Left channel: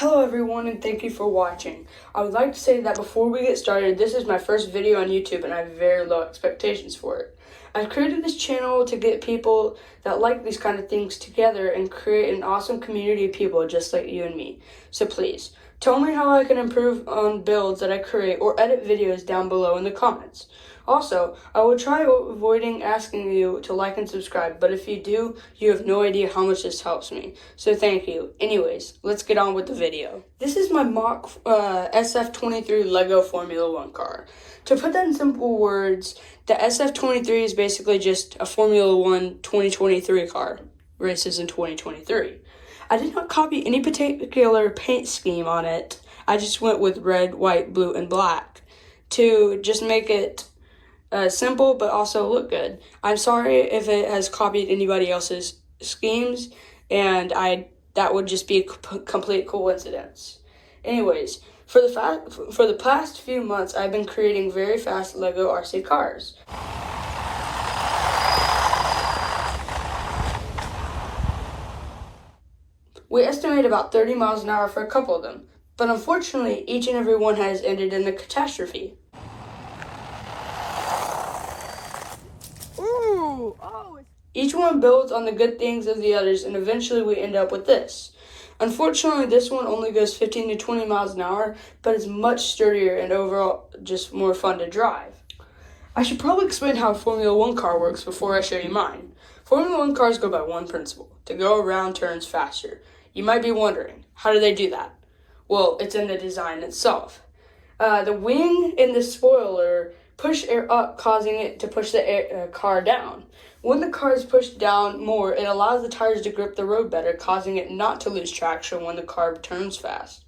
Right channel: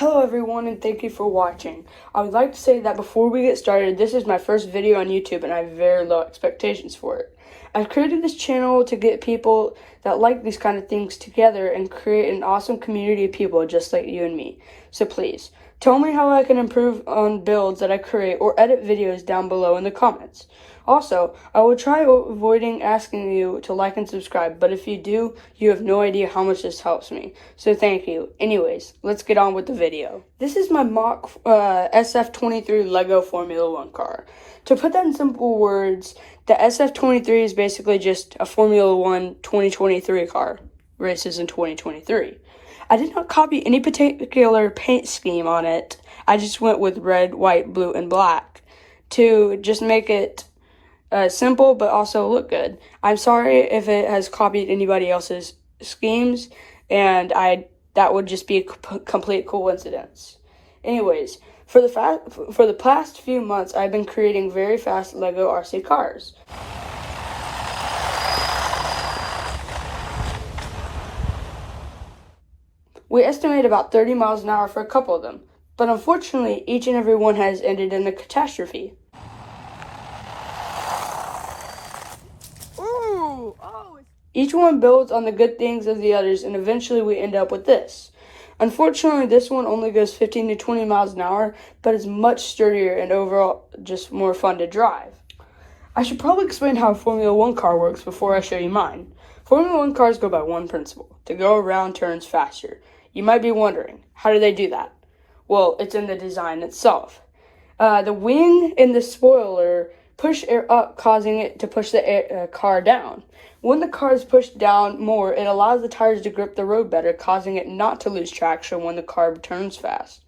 Hello everyone and thank you for watching. I would like to say that before we get started, this is my first video on YouTube and I have very low expectations for it. I've created this channel to get people that like these kind of things together and create an awesome community of people just like you and me. So please, tell me how I can improve on builds that I create or edit videos down below in the comments. Also, I will try avoiding asking you to like and subscribe, but if you do, you have no idea how much this helps me. So thank you. Anyways, let's get on with the video. This is my mock SF23 Lego Formula 1 car. To put that in simple words, the SF23 is basically just a Formula 1 2023 car. Races in 2023. I did not copy any particular paint scheme on it. I just went with red, white, blue, and black to just make it simple but also look good. I'm sorry if it has copied anybody else's schemes, and that would just be a complete coincidence. Anyways, for the past few months, I've been creating very fast Lego RC cars. We estimate about 30 miles an hour for a couple of them, but unfortunately, each and every one has ended in a catastrophe. Each one builds on the good things of the others, and eventually we end up with this. Unfortunately, this one only goes 15 to 20 miles an hour, but it's much sturdier and overall just more fun to drive. I should probably explain how a Formula 1 car works before I show you mine. Formula 1 cars go by one principle: to go around turns faster. You might be wondering, how do they do that? Well, it's in the design itself. The wing and the spoiler push air up, causing it to push the car down. When the car is pushed down more, it allows the tires to grip the road better, causing it not to lose traction when the car turns fast.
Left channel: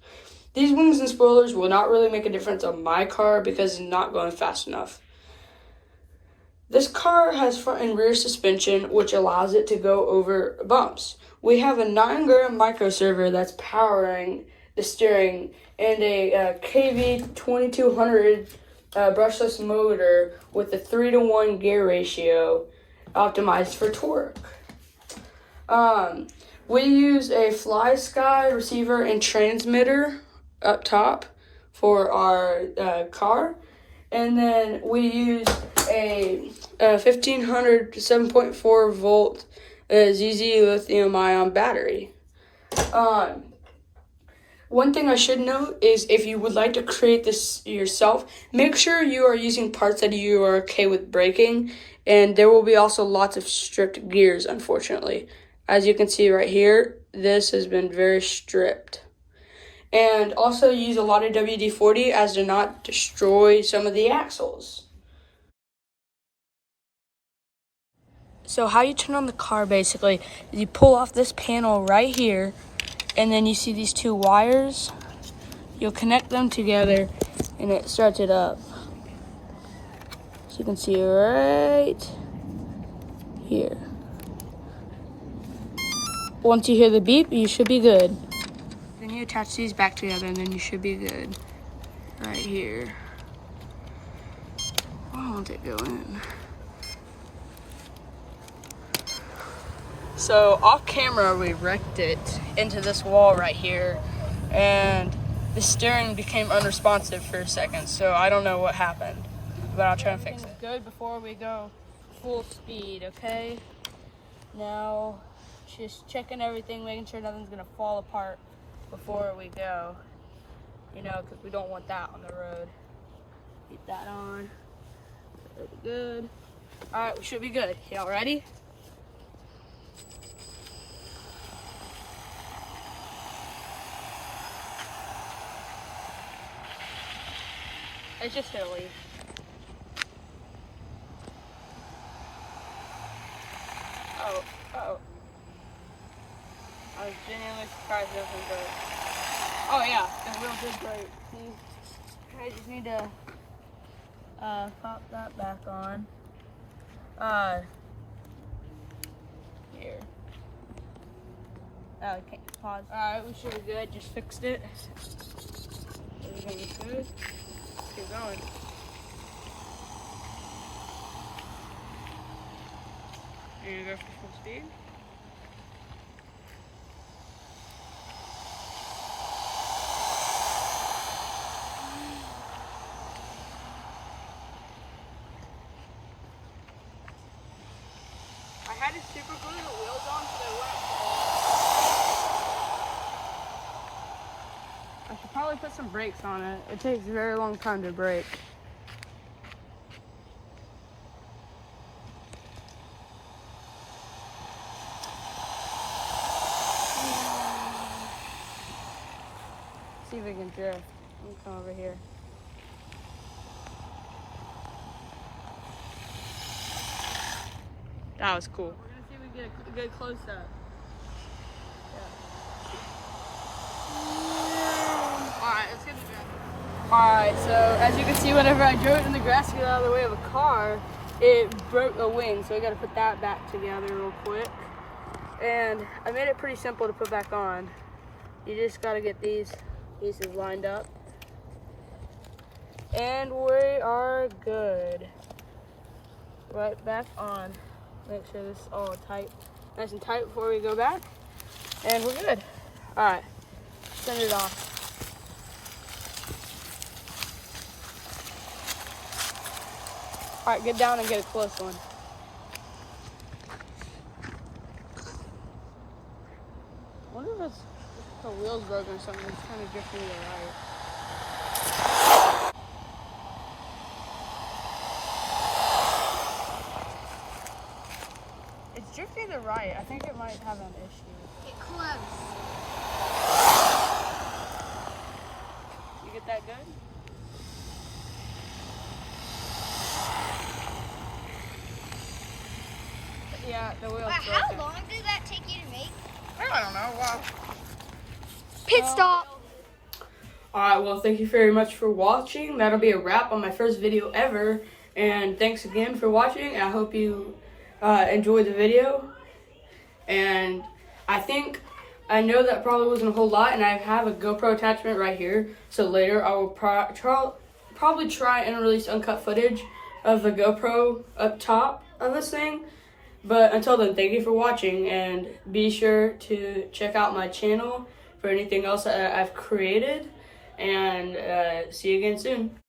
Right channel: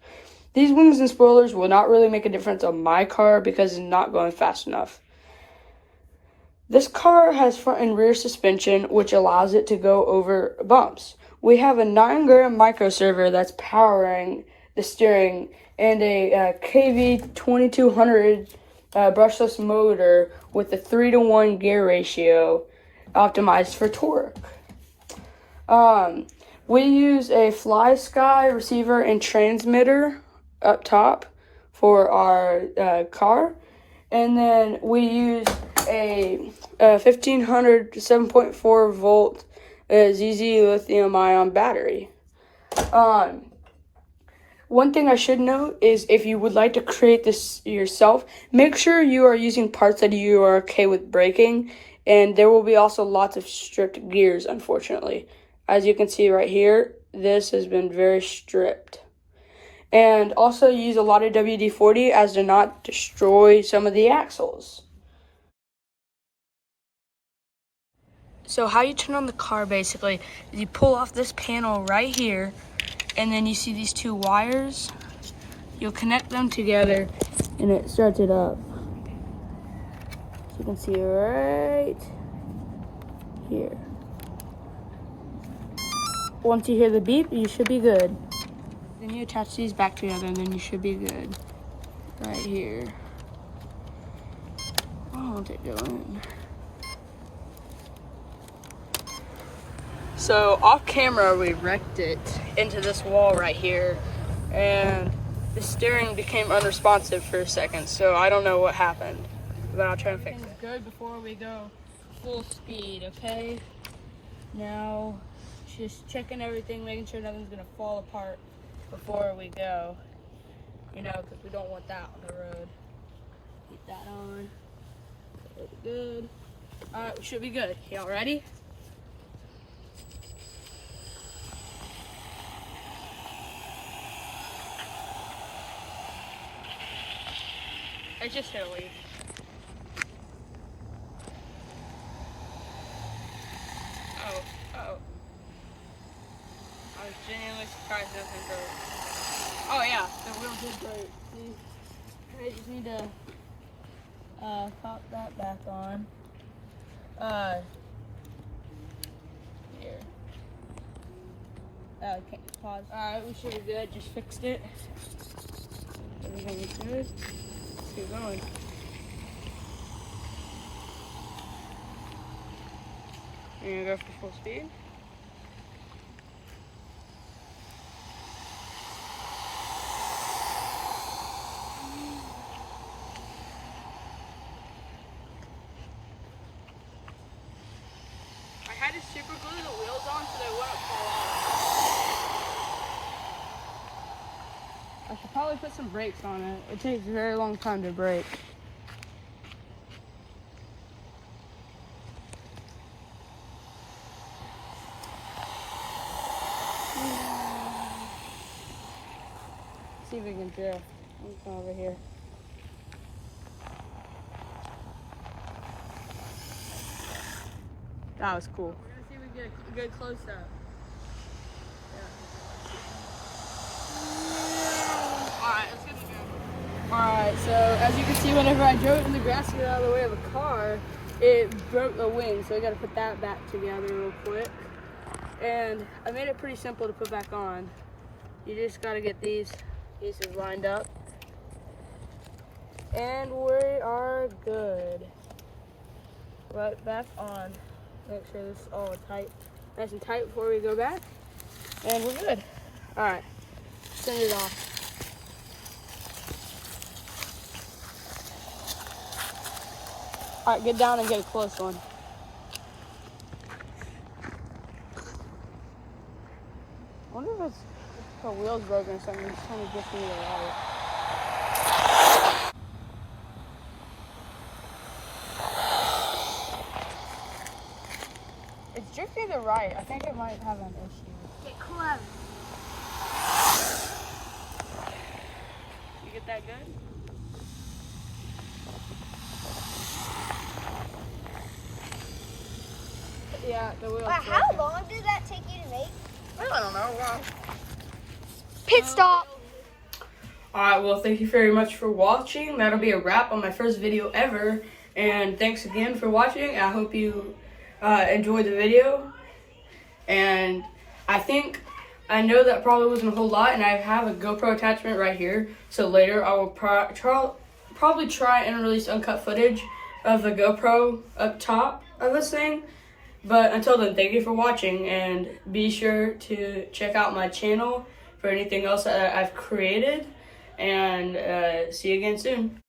These wings and spoilers will not really make a difference on my car because it's not going fast enough. This car has front and rear suspension, which allows it to go over bumps. We have a 9-gram micro servo that's powering the steering and a KV2200 brushless motor with a 3-to-1 gear ratio optimized for torque. We use a Fly Sky receiver and transmitter up top for our car, and then we use a 1500 7.4 volt ZeeZee lithium ion battery. One thing I should note is if you would like to create this yourself, make sure you are using parts that you are okay with breaking, and there will be also lots of stripped gears, unfortunately. As you can see right here, this has been very stripped. And also use a lot of WD-40 as to not destroy some of the axles. So how you turn on the car basically is you pull off this panel right here, and then you see these two wires. You'll connect them together and it starts it up. So you can see right here. Once you hear the beep, you should be good. Then you attach these back together and then you should be good. Right here. Why won't it go in? So off camera, we wrecked it into this wall right here, and the steering became unresponsive for a second, so I don't know what happened, but I'll try and fix it. Good before we go full speed, okay? Now, just checking everything, making sure nothing's gonna fall apart before we go, you know, because we don't want that on the road. Keep that on. Pretty good. All right, we should be good. Y'all ready? It's just silly. Oh. I was genuinely surprised nothing broke. Oh yeah, it will be great. See, I just need to pop that back on. Here. Oh, I can't pause. Alright, we should be good. Just fixed it. Everything's good. Keep going. You're gonna go for full speed. had to super glue the wheels on so they wouldn't fall off. I should probably put some brakes on it. It takes a very long time to brake. See if we can drift. Let me come over here. That was cool. We're gonna see if we can get a good close up. Yeah. Alright, let's get the grass. Alright, so as you can see, whenever I drove it in the grass to get out of the way of a car, it broke the wing. So we gotta put that back together real quick. And I made it pretty simple to put back on. You just gotta get these pieces lined up. And we are good. Right back on. Make sure this is all tight, nice and tight before we go back. And we're good. All right, send it off. All right, get down and get a close one. I wonder if it's the wheel's broken or something. It's kind of drifting to the right. It's drifting to the right. I think it might have an issue. Get close. You get that good? Yeah, the wheel's broken. How long did that take you to make? I don't know. Wow. Pit stop. Alright, well, thank you very much for watching. That'll be a wrap on my first video ever. And thanks again for watching. I hope you enjoyed the video. And I know that probably wasn't a whole lot, and I have a GoPro attachment right here. So later I will probably try and release uncut footage of the GoPro up top of this thing. But until then, thank you for watching, and be sure to check out my channel for anything else that I've created. And see you again soon.